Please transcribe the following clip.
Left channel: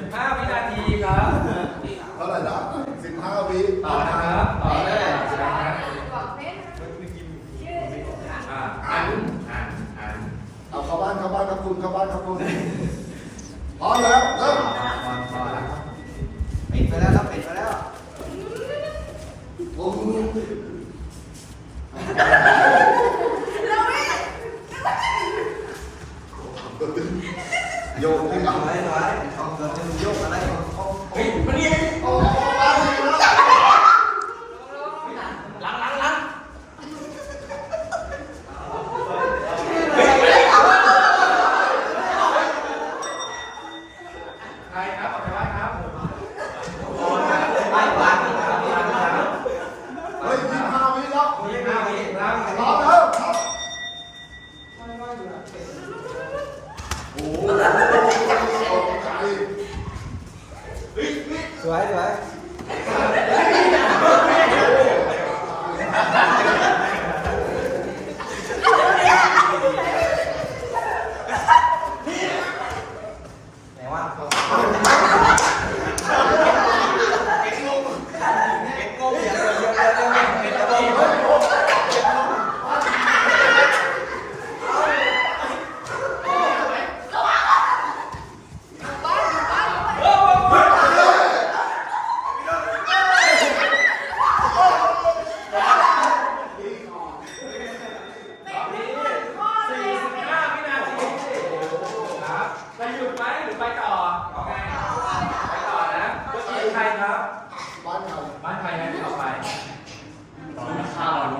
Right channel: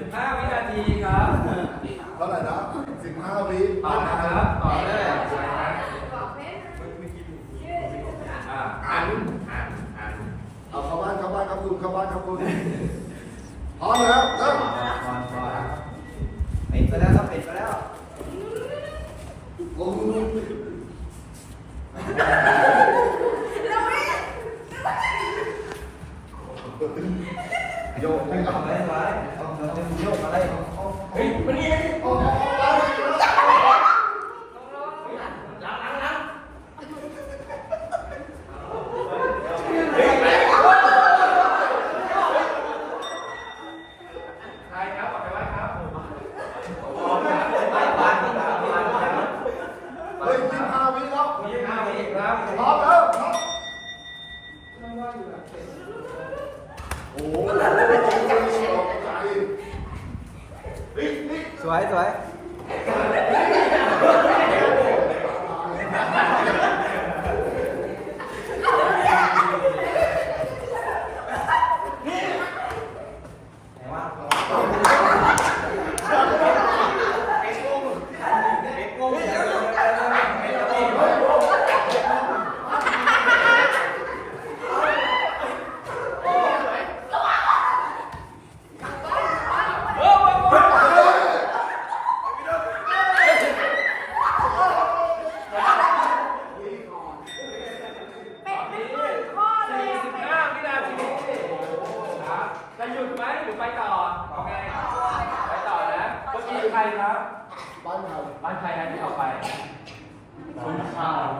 สิบห้าวินาทีครับเท่าไหร่นะสิบห้าวินาทีครับเท่าไหร่นะสิบห้าวิต่อนะครับต่อเลยอ่าอันอันอันเอาเข้าบ้านเข้าบ้านครับคุณเข้าบ้านครับคุณพร้อมแล้วเริ่มปิดไปแล้วครับปิดไปแล้วโอ้โหโยนให้เราไว้ไว้เอาเอา โยกอะไรเฮ้ยมันนี่โอ้โหใครครับไม่วางไม่วางไม่วางเฮ้ยสิบห้าวิแล้วยี่สิบห้าวิน สวยสวย สี่สิบห้าวินาทีครับไปหยุดไหมหรือไปต่อเอาไงไปต่อนะเมื่อกี้ ใครครับ บ้านไก่บ้านใครนะที่ต่อไปมีข้าวมีข้าวบ้านไม่รู้เลยบ้าง